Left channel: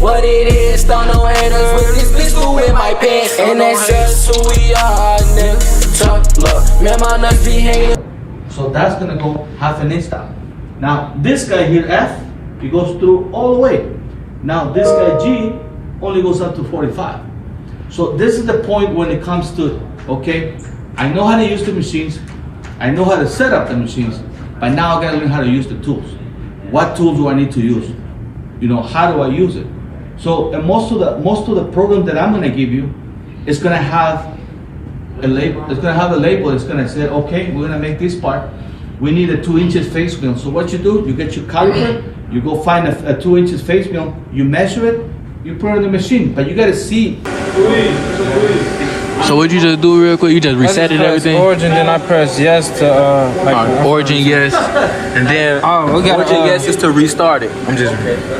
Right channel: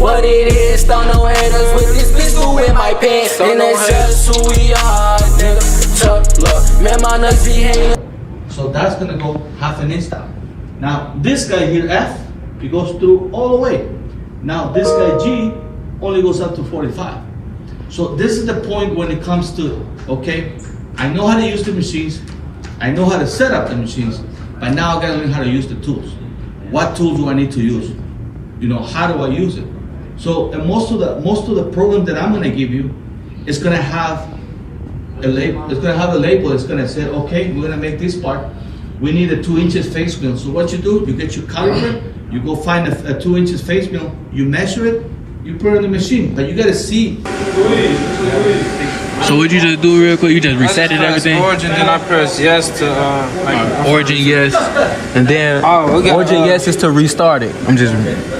what it is. Stun no haters with this pistol in my pants. And that's just who we are, nigga. Tough luck, man, my nuts be hanging. So that's gonna go half an inch down. Now this guy here, F, he goes through all the way. Now this guy G only goes up to 45. So this is the point when it comes to, okay, I know how to use the machines, I know how to set up the machines, but now I gotta learn how to use the tools. What tools do I need to use? You know, how do I use it? So and most of the program that I'm gonna give you is gonna have a label. It's gonna have a label. It's gonna say, okay, we're gonna make this part. We need a 2 inches face mill. So what you do, you get your caliper, you go find a 2 inches face mill, you measure it, you put it in the machine, but you gotta see. So what you just do real quick? You just reset it everything? Origin, then I press yes to Origin yes, and then we got Origin yes is to restart it. I'm just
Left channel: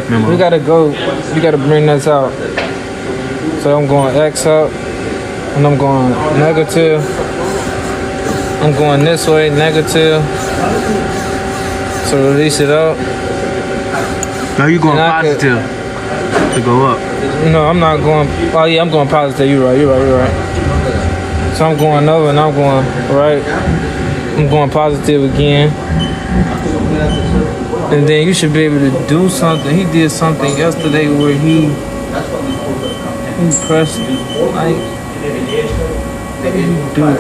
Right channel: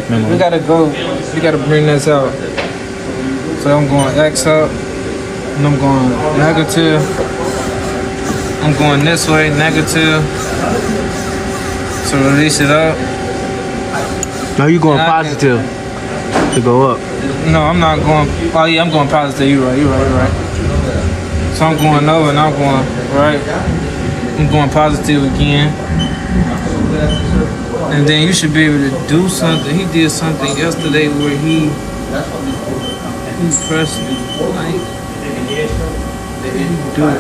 remember. We gotta go. You gotta bring this out. So I'm going X up, and I'm going negative. I'm going this way, negative. So release it up. Now you going positive to go up. No, I'm not going. Oh yeah, I'm going positive. You're right. So I'm going over and I'm going right. I'm going positive again. And then you should be able to do something. He did something yesterday where he pressed like.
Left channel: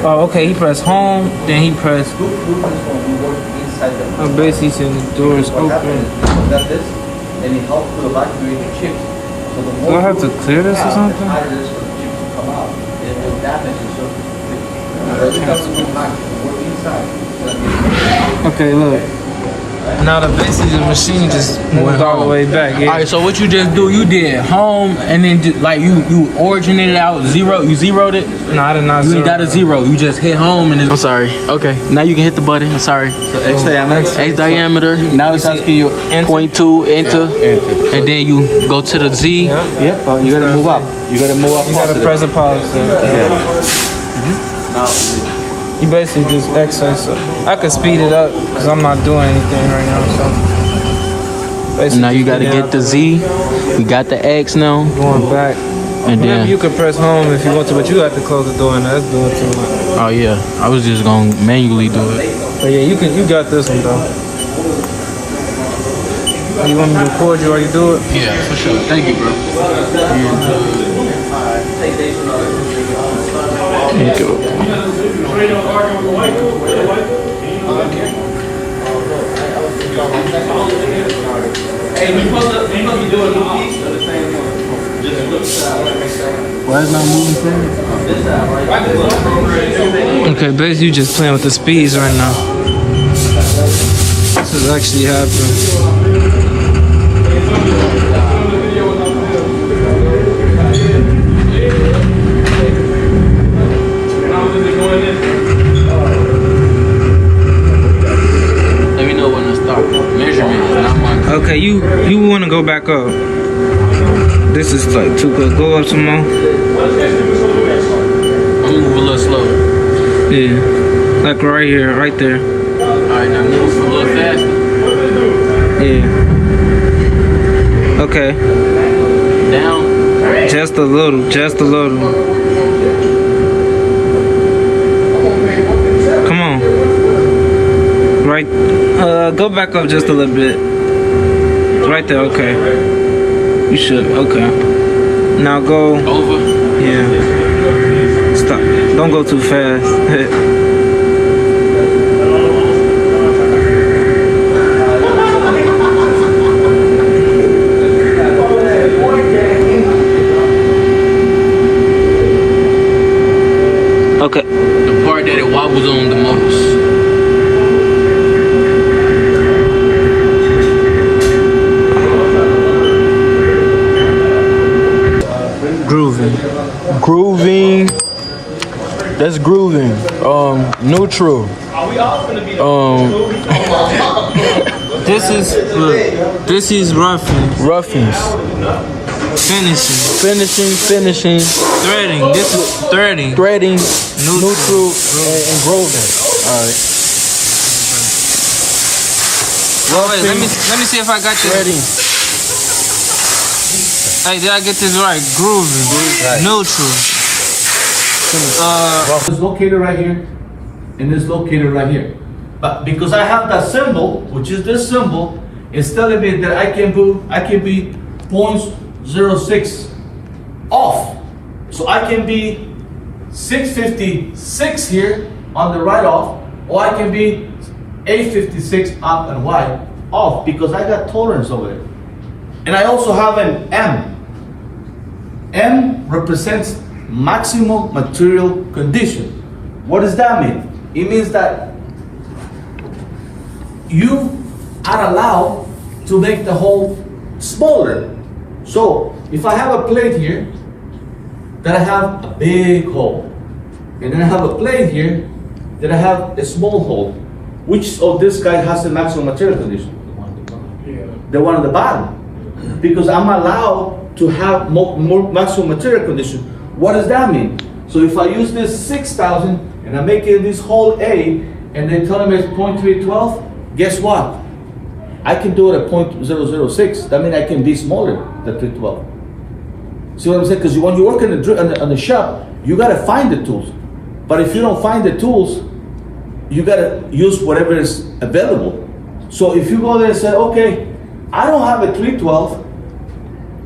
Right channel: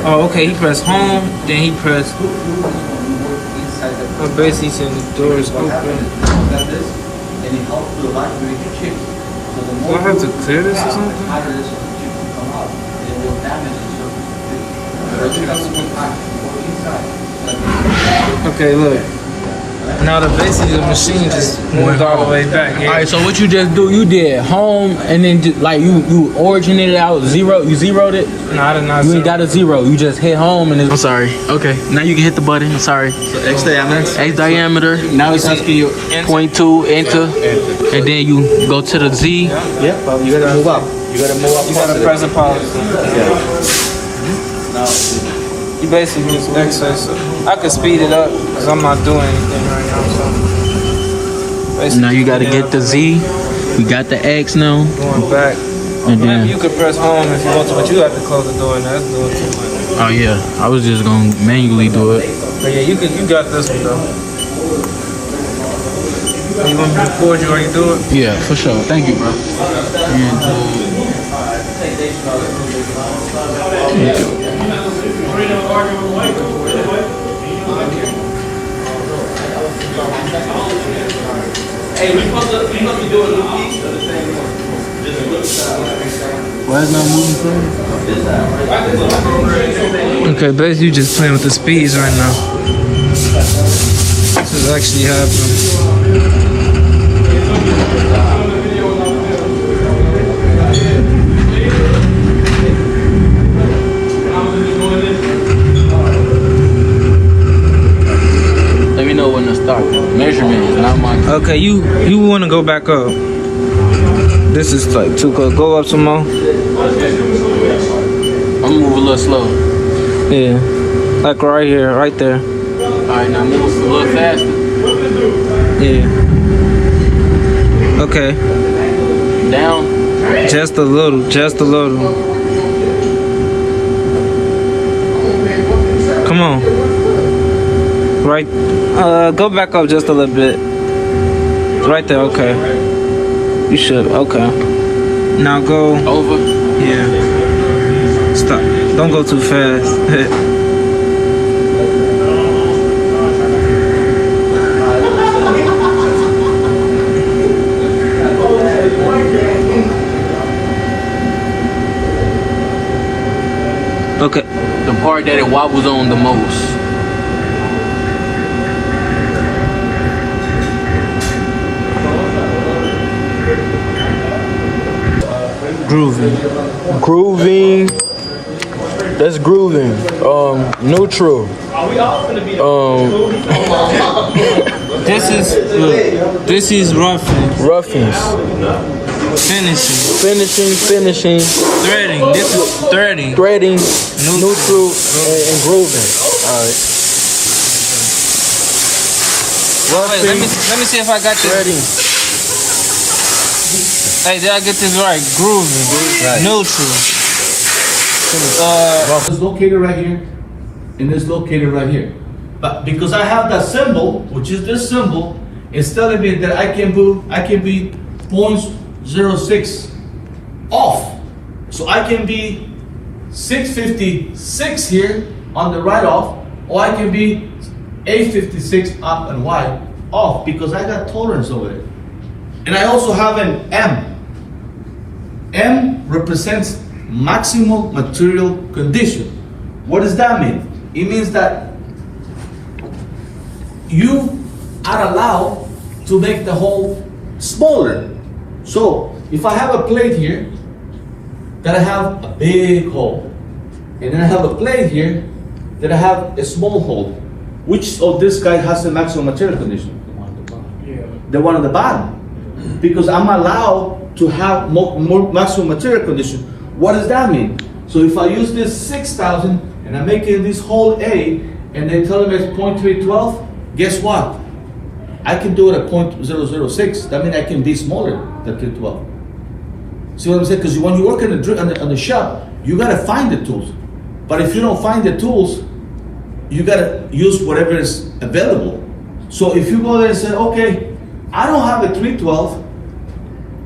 Oh, okay. He pressed home. Then he pressed. Well, basically, saying the door is open. Do I have to clear this or something? Okay, look. Now the basically the machine just went all the way back. Yeah? Alright, so what you just do? You did home, and then just, like you originated out zero. You zeroed it. No, I did not. You ain't got a zero. You just hit home, and it's. I'm sorry. Okay, now you can hit the button. I'm sorry. So X diameter. X diameter. Now it's asking you 0.2 enter, and then you go to the Z. Yeah, you gotta move up. You gotta move up. You gotta press the policy. You basically just exercise. I could speed it up because I'm not doing anything right now. So now you gotta get the Z. You got the X now. Going back. And then you can press home if you want to, but you have to close the door and that's doing what you want. Oh yeah, I was just gonna manually do it. But yeah, you got this one though. You want me to record you while you do it? Yeah, for sure. Thank you, bro. Why is not moving forward? Okay, basically you just playing with the speeds right now. This is actually happening. Let me know when to stop. Measurement is not mine. Okay, you want to go back up. This is like too close. Go up some more. I'm gonna move a little slow. Yeah, like right here, right there. Alright, now move a little faster. Yeah. Okay. Down. Just a little. Come on. Right. Go back up just a little bit. Right there. Okay. You should. Okay. Now go. Over. Yeah. Stop. Don't go too fast. Okay. The part that it wobbles on the most. Grooving. That's grooving. Neutral. This is Roughings. Finishing. Threading. This is threading. Neutral, and grooving. Alright. Let me see if I got this. Threading. Hey, did I get this right? Groovy. Neutral. It's located right here, and it's located right here. But because I have that symbol, which is this symbol, it's telling me that I can be 0.06 off. So I can be 656 here on the right off, or I can be 856 up and right off because I got tolerance over there. And I also have an M. M represents maximum material condition. What does that mean? It means that you are allowed to make the hole smaller. So if I have a plate here, then I have a big hole. And then I have a plate here, then I have a small hole. Which of this guy has the maximum material condition? The one on the bottom. Because I'm allowed to have more maximum material condition. What does that mean? So if I use this 6,000 and I make it this hole A, and they tell me it's 0.312, guess what? I can do it at 0.006. That means I can be smaller than 312. See what I'm saying? Because when you work in the shop, you gotta find the tools. But if you don't find the tools, you gotta use whatever is available. So if you go there and say, okay, I don't have a 312,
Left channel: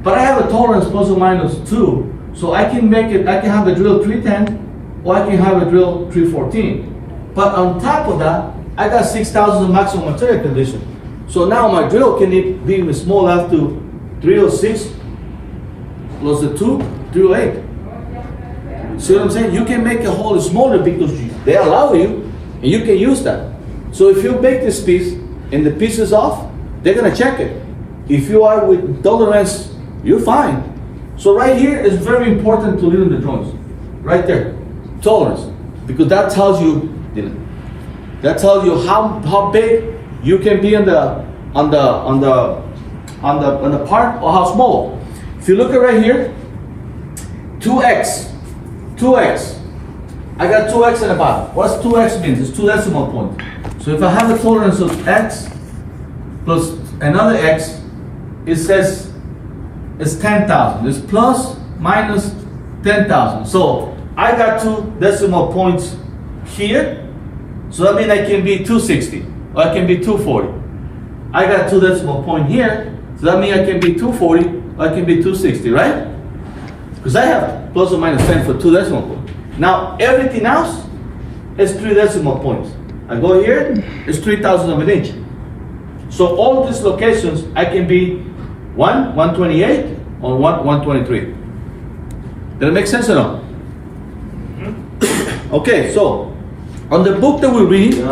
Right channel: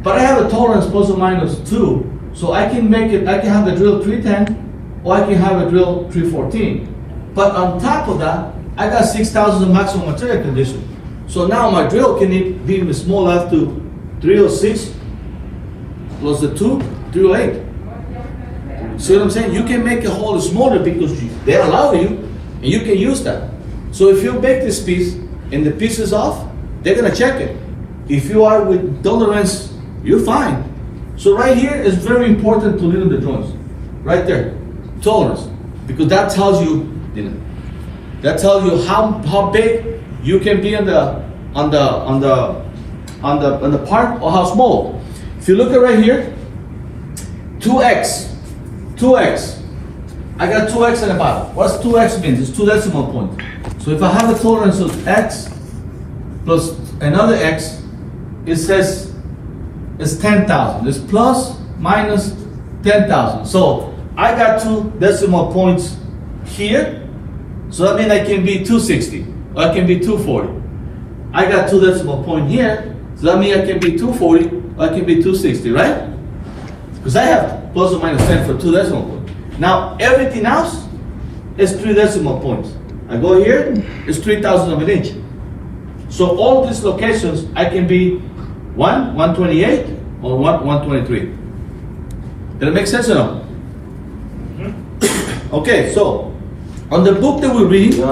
but I have a tolerance plus or minus 2, so I can make it, I can have a drill 310, or I can have a drill 314. But on top of that, I got 6,000 maximum material condition. So now my drill can be even small up to 306 plus the 2, 308. See what I'm saying? You can make a hole smaller because they allow you, and you can use that. So if you make this piece and the piece is off, they're gonna check it. If you are with tolerance, you're fine. So right here is very important to lead the joints. Right there, tolerance, because that tells you, how big you can be on the part or how small. If you look at right here, 2x. I got 2x in the bottom. What's 2x means? It's 2 decimal points. So if I have a tolerance of x plus another x, it says it's 10,000. It's plus minus 10,000. So I got 2 decimal points here. So that means I can be 260 or I can be 240. I got 2 decimal point here. So that means I can be 240 or I can be 260, right? Because I have plus or minus 10 for 2 decimal points. Now everything else is 3 decimal points. I go here, it's 3,000 of an inch. So all of these locations, I can be 128 or 123. Does that make sense or no? Okay, so on the book that we read,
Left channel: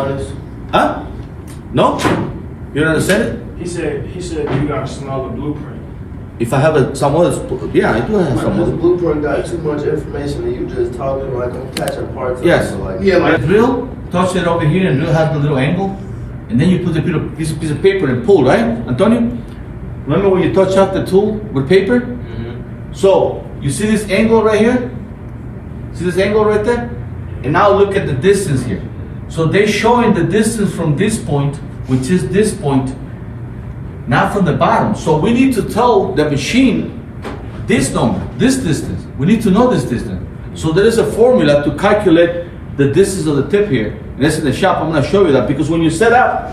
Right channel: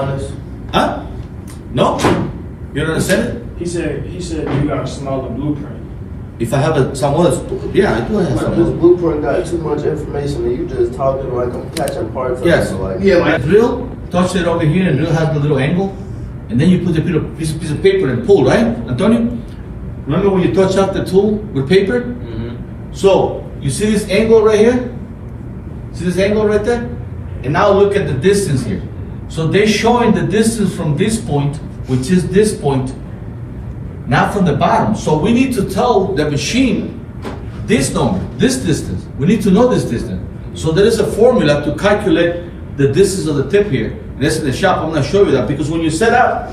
huh? No? You don't understand it? He said you got a smaller blueprint. If I have some other, yeah, I do have some This other. bluepill got too much information and you just talking like I'm catching parts. Yes. Like, Yeah, like drill, touch it over here and drill has the little angle. And then you put the piece of paper and pull, right? Antonio? Remember when you touch up the tool with paper? Mm-hmm. So, you see this angle right here? See this angle right there? And now look at the distance here. So they're showing the distance from this point, which is this point, not from the bottom. So we need to tell the machine this number, this distance. We need to know this distance. So there is a formula to calculate the distance of the tip here. And that's in the shop. I'm going to show you that because when you set up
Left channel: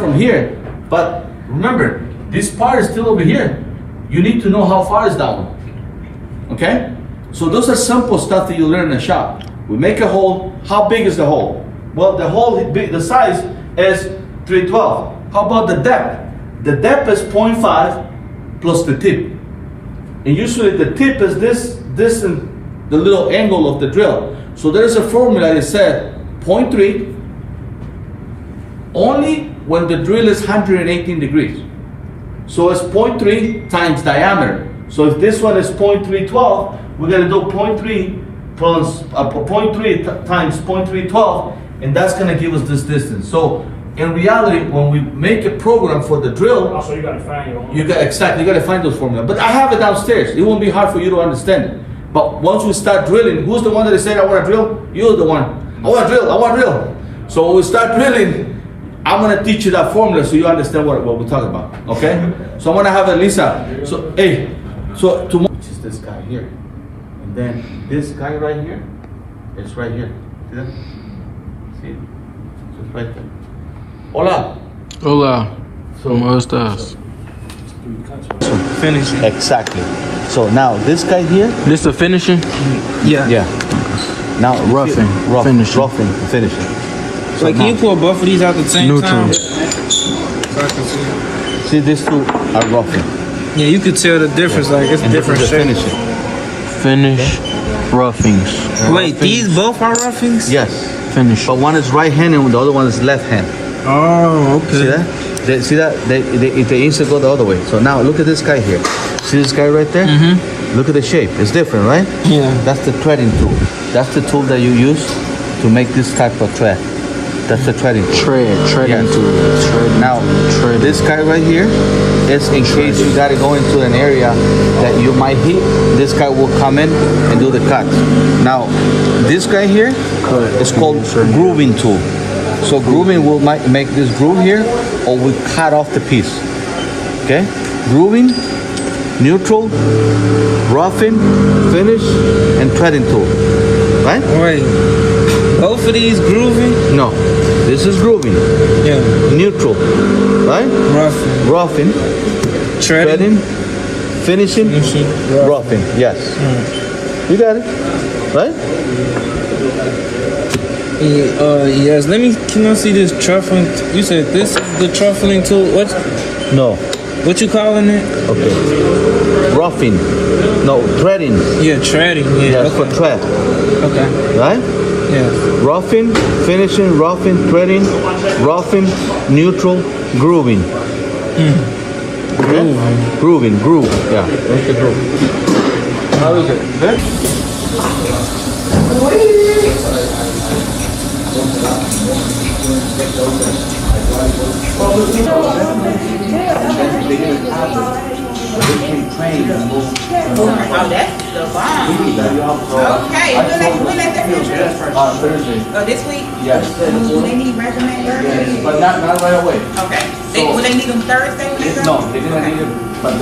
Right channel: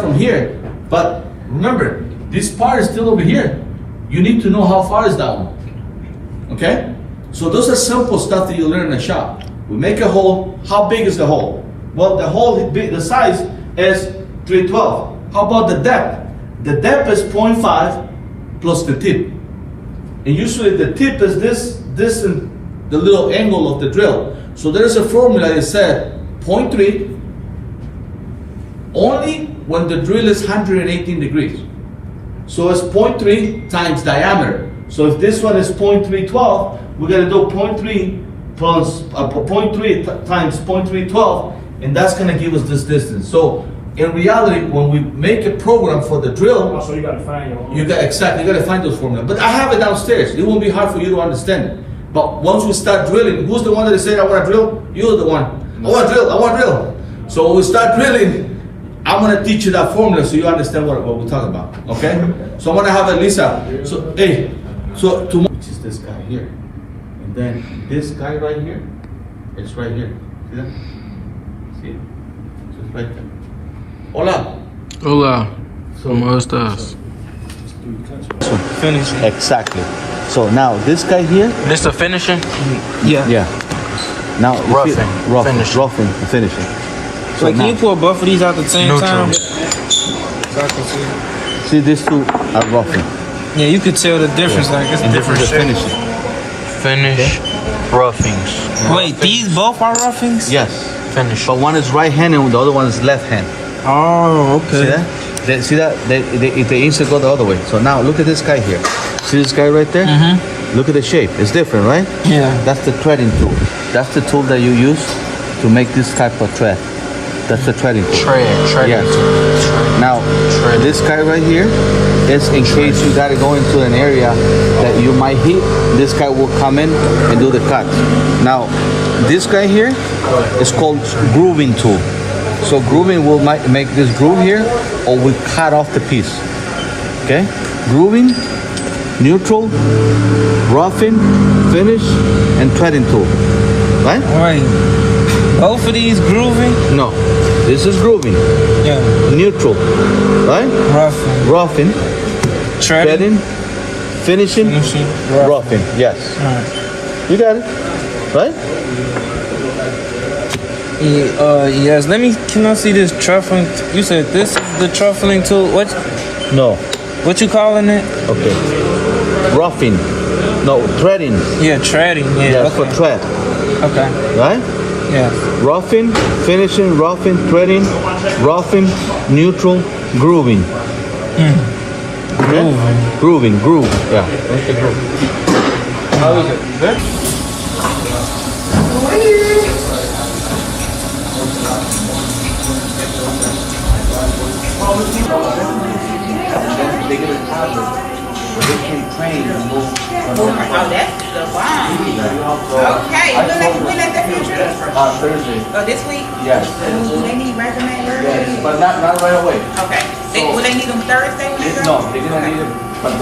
from here. But remember, this part is still over here. You need to know how far is that one. Okay? So those are simple stuff that you learn in the shop. We make a hole. How big is the hole? Well, the hole, the size is 312. How about the depth? The depth is 0.5 plus the tip. And usually the tip is this and the little angle of the drill. So there's a formula that said 0.3 only when the drill is 118 degrees. So it's 0.3 times diameter. So if this one is 0.312, we're gonna do 0.3 plus 0.3 times 0.312, and that's gonna give us this distance. So in reality, when we make a program for the drill, Also, you gotta find your own. you gotta find those formulas. But I have it downstairs. It won't be hard for you to understand it. But once we start drilling, who's the one that said I want to drill? You're the one. I want to drill. So when we start drilling, I'm gonna teach you that formula so you understand what we're talking about. Okay? So I'm gonna have Elisa. So hey, So tomorrow, which is this guy here, and then this guy right here, it's right here. See that? See it? Just right there. Hola. Hola. So, ¿Cómo estás? Finish. exactly. So now this guy here, This the finishing? Yeah. yeah. Now Roughing. roughing, finishing. So can you pull both of these out at the same time? Neutral. See, these two are roughing. Yeah, you could tell the difference. Like it's And this different is the shapes. finishing. Finish. Roughings. Wait, these both are roughings? Yes. Finish. But one is right hand and the other one is left hand. Oh, See okay. that? See that? They instant go the other way. So now look at this guy here. See this guy right there? Mm-hmm. Look at the shape. It's different, right? Yeah. That's the threading tool. That's the tool that you use to make this type of thread. That's the threading tool. Trade. Yes. Now, this guy right here is in case you gotta go into an area that you might hit. This guy will come in and do the cut. Now, this guy here is called grooving tool. So grooving will make this groove here, or we cut off the piece. Okay? Grooving, neutral, roughing, finish, and threading tool. Right? Wait. Both of these grooving? No. This is grooving. Yeah. Neutral. Right? Roughing. Roughing. Treading. Finishing, Finishing, roughing. Yes. You got it. Right? Yes. Can I see this truffling? You said this is the truffling tool. No. What you calling it? Okay. Roughing. No, threading. Yeah, treading. Yeah. That's for Okay. thread. Okay. Right? Yeah. Roughing, finishing, roughing, threading, roughing, neutral, grooving. Grooving, groove. Yeah. That's the groove. Oh, that's the bomb. Okay, when they finish? Thursday. Oh, this week? Yes. Do they need resume? Yes, but not right away. Okay. Will they need them Thursday? No, they're gonna need it, but